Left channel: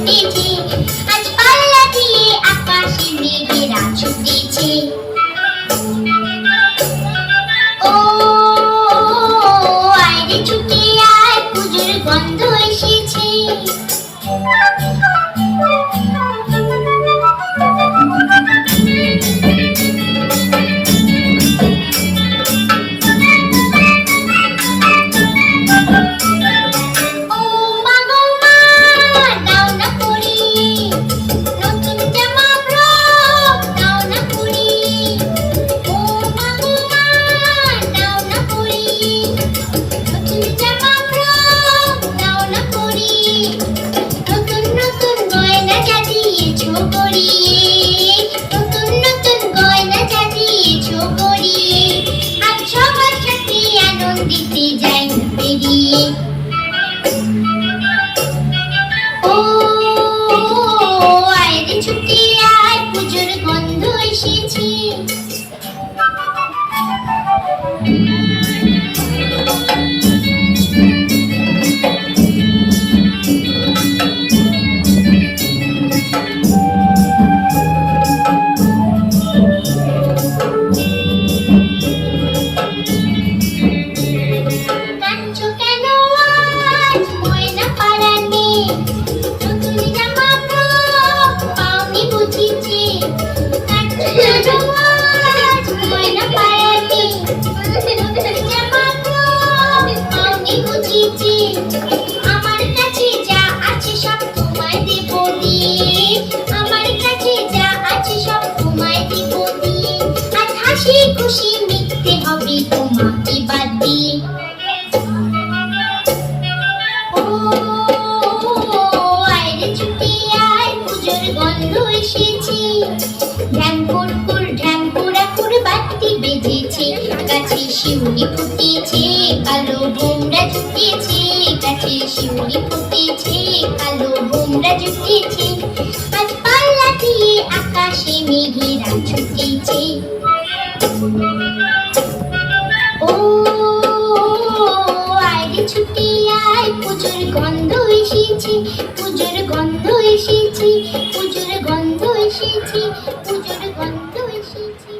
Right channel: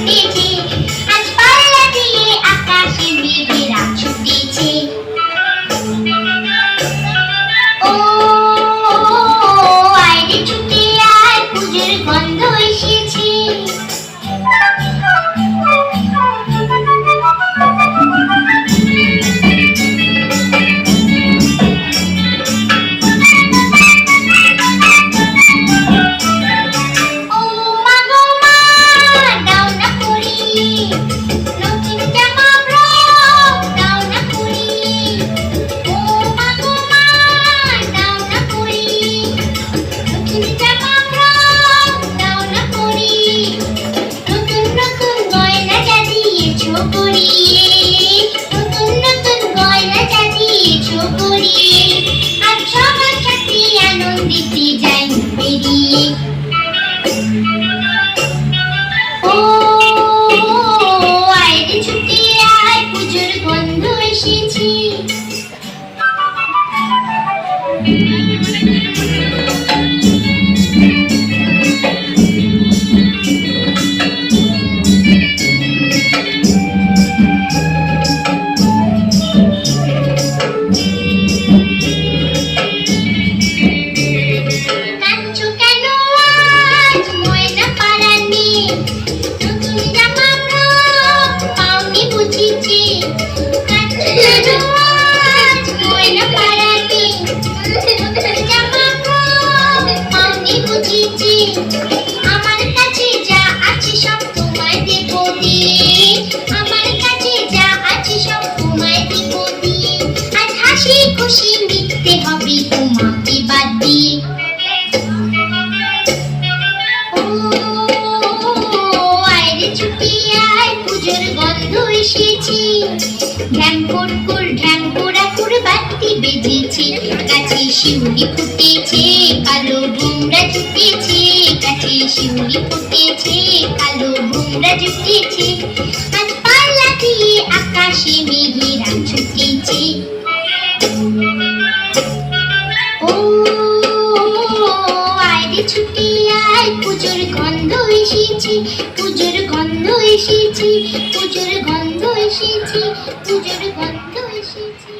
ছুটেছে, আজ পাল্লা দিয়ে আকাশে মেঘেরা ছুটেছে। ও আয় ছুটে আয়, পুজোর গন্ধ এসেছে। আমার কাছে যা আছে সব তোমায় দেব দিয়ে, আমার কাছে যা আছে সব তোমায় দেব দিয়ে, আজ হাসি খুশি মিটতে হবে তোমাকে বাদ দিয়ে। ও আয় রে ছুটে আয়, পুজোর গন্ধ এসেছে। ঢ্যাং কুড়কুড় ঢ্যাং কুড়াকুড় বাতি বেজেছে, গাছে শিউলি ফুটেছে, কালো ভোমরা জুটেছে, গাছে শিউলি ফুটেছে, কালো ভোমরা জুটেছে, আজ পাল্লা দিয়ে আকাশে মেঘেরা ছুটেছে। ও আয় রে ছুটে আয়, পুজোর গন্ধ এসেছে, পুজোর গন্ধ এসেছে, পুজোর গন্ধ এসেছে, পুজোর গন্ধ এসেছে।